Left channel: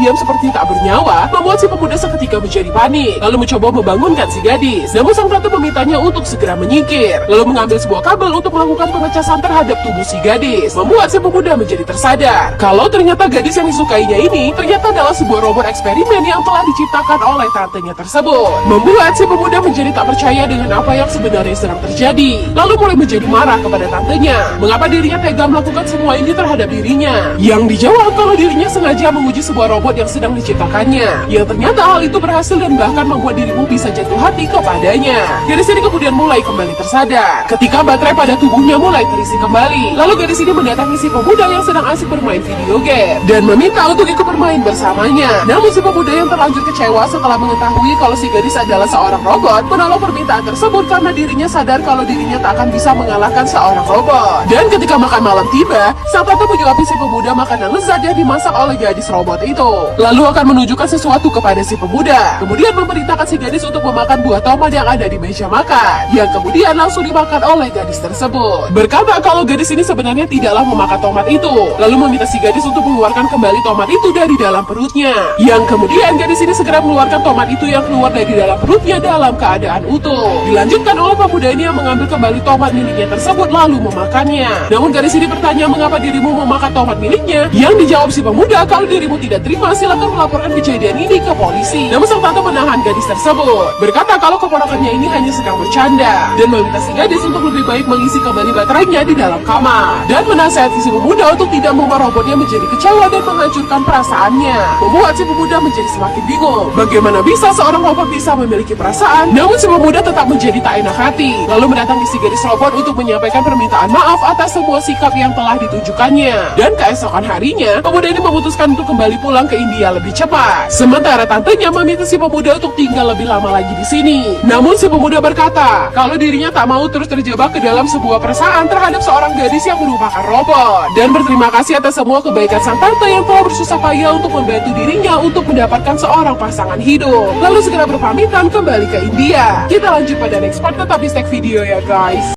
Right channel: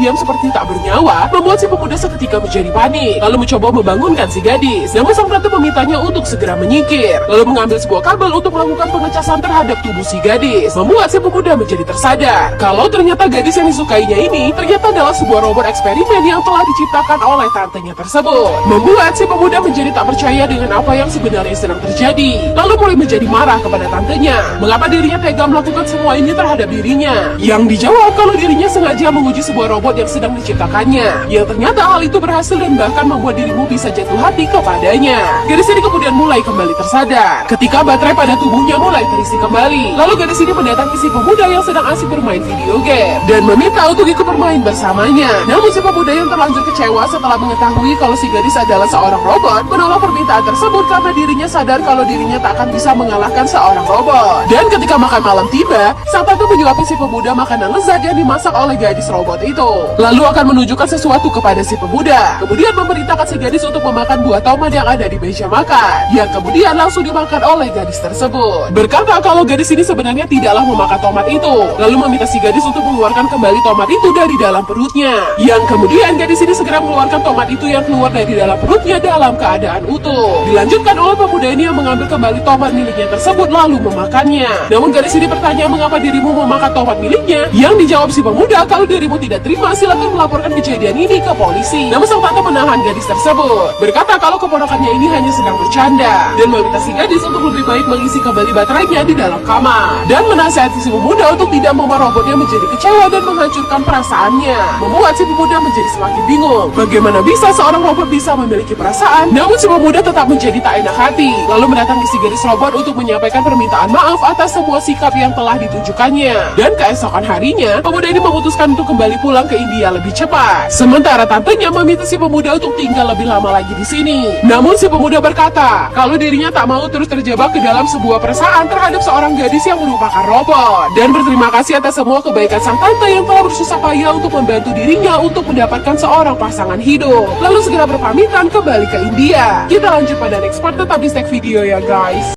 diam seperti tak bernyawa membuat si pemuda seketika menjadi panik, lalu mencoba membangunkan si gadis. Namun sang tante memintanya untuk segera menyingkir, lalu mengambil sebuah kabel untuk melakukan pengecasan terhadap tubuh si gadis, membuat si pemuda menjadi tersadar kalau ternyata gadis yang disukainya ini ternyata adalah sebuah robot eksperimen yang telah diciptakan oleh tantenya tersebut, membuat si pemuda menjadi tak percaya dengan apa yang sebenarnya sedang terjadi, lalu mulai menjadi marah kepada tantenya mengapa dirinya tega melakukan semua ini terhadap dirinya. Yang dijawab kalau dirinya sengaja menguji sebuah robot yang sedang diciptakannya, yang ternyata hal itu berhasil dan bahkan membuat dirimu bisa jatuh hati kepadanya. Gadis ini kemudian mulai kembali tersadar ketika baterai pada tubuhnya mulai terisi kembali, lalu gadis ini mendatangi si pemuda yang sedang asik bermain video game dan meminta untuk ikut bermain bersamanya. Namun si pemuda yang terlanjur kecewa setelah mengetahui kalau si gadis adalah seorang robot menolak permintaan tersebut karena dirinya sadar kalau dirinya tak akan bisa mengalahkan seorang robot. Dan ketika makan malam tiba, sang tante menyuapi si pemuda makanan lezat yang dimasak oleh gadis robot itu, lalu akan menunjukkan sesuatu kepada si pemuda, kemudian memerintahkan si gadis untuk memakan buah tomat yang ada di meja makan, yang kemudian langsung dimakan oleh gadis tersebut. Berkata kalau gadis ini sebenarnya tidaklah memakan tomat itu, lalu meminta si gadis untuk mengeluarkan kembali tomat itu dari dalam perutnya, yang kemudian gadis ini segera mengeluarkan tomat itu yang keluar dari dalam perutnya dalam keadaan utuh. Dilanjutkan oleh pemuda ini yang mengambil kembali tomat miliknya tersebut lalu memakannya. Namun gadis ini bertanya mengapa dirimu memakan tomat miliknya, yang dijawab si pemuda kalau dirimu tidak terima silakan melaporkan kejadian ini ke polisi. Namun sang tante menahan gadis tersebut, berkata kalau keponakannya ini hanya sedang bercanda dan meminta si gadis untuk lebih baik mengisi kembali baterainya di dalam kamar dan menasihati si pemuda untuk tidak membuat robotnya menjadi kecewa dan menghancurkan perasaannya, membuat si pemuda menjadi semakin bingung bagaimana bisa seorang robot bisa memiliki perasaan. Namun si pemuda tetap menjadi tak enak hati, lalu mendatangi si gadis robot untuk menyampaikan permintaan maaf atas semua sikap yang telah ditunjukkannya. Dan keesokan harinya pemuda ini memutuskan untuk kembali pulang ke India lebih cepat, sementara tantenya meminta si pemuda untuk tinggal lebih lama lagi di sini. Namun si pemuda berkata kalau dirinya tak mau terus terjebak ke dalam sebuah perasaan terhadap seorang gadis yang merupakan robot, dan berterima kasih atas semua kebaikan sang tante yang telah bersusah payah untuk membantu dirinya untuk mendapatkan seorang pasangan hidup, lalu segera berpamitan kembali ke India. Kita lanjut pada next part, tetap di video ya guys.